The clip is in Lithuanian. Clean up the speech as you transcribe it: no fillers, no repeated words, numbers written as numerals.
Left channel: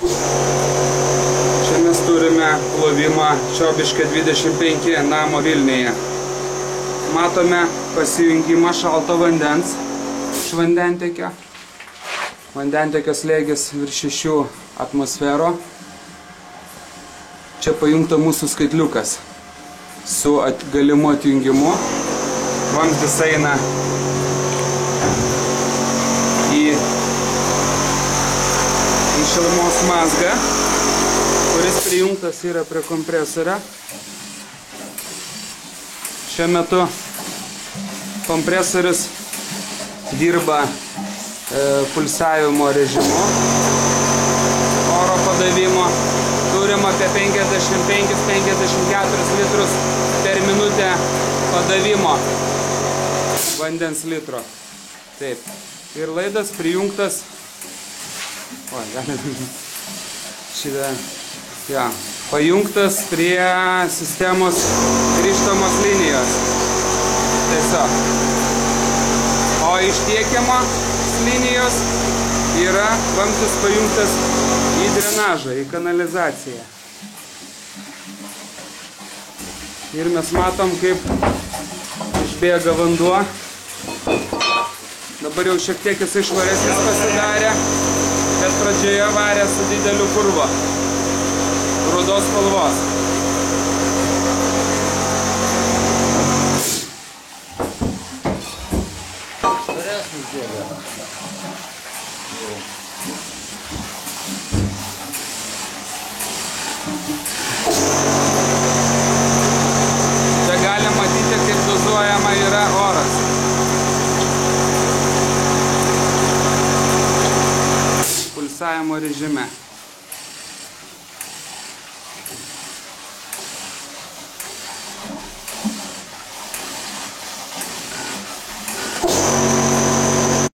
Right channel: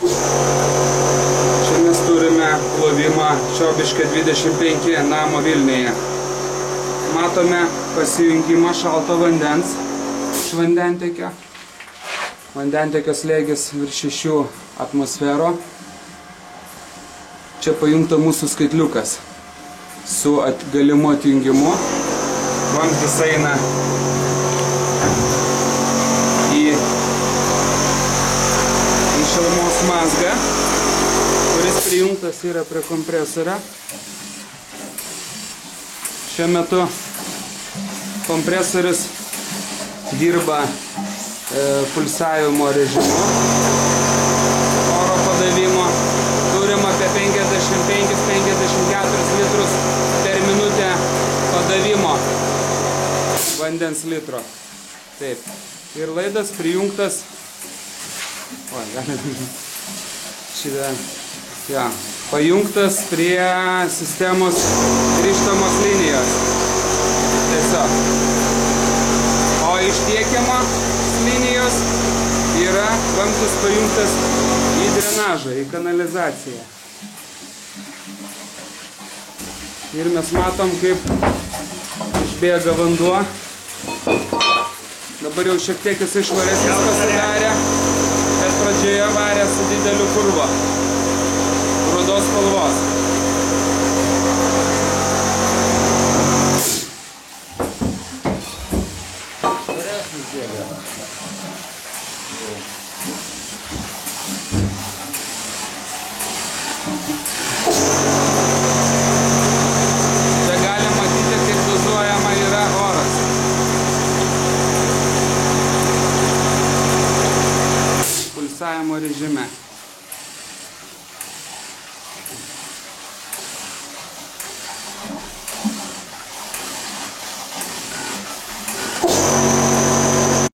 Čia mes turime plovimą Čiobiškio 25 namo Vilniuje. Matome pasijungimą šalto vandens iš vandentiekio. Vandentiekio slėgis virš 6 atmosferų. Čia pajungta mūsų skaitliukas su galimu atjungimu. Vamzdis eina į šilumos mazgą, kuris prijungtas yra prie kompresorio. Šiuo metu kompresorius dirba pulsavimo režimu oro padavimo. Turim apie 55-54 litrus per minutę padavimo vandens litro. Taip. Ir laidas prijungtas. Pajungtas prie sistemos grįžtamos linijos. Tiesiog. O iš tiekiamo linijos yra vamzdis pajungtas į drenažą, į kanalizaciją. Ir mes matom, kaip išbėga vanduo. Dabar jau šiek tiek jis švaresnis pasidarė, bet pradžioje varė su dideliu purvu. Rudos spalvos. Čia galima matyti, kaip dozuojama yra oras. Pulsavimo režime.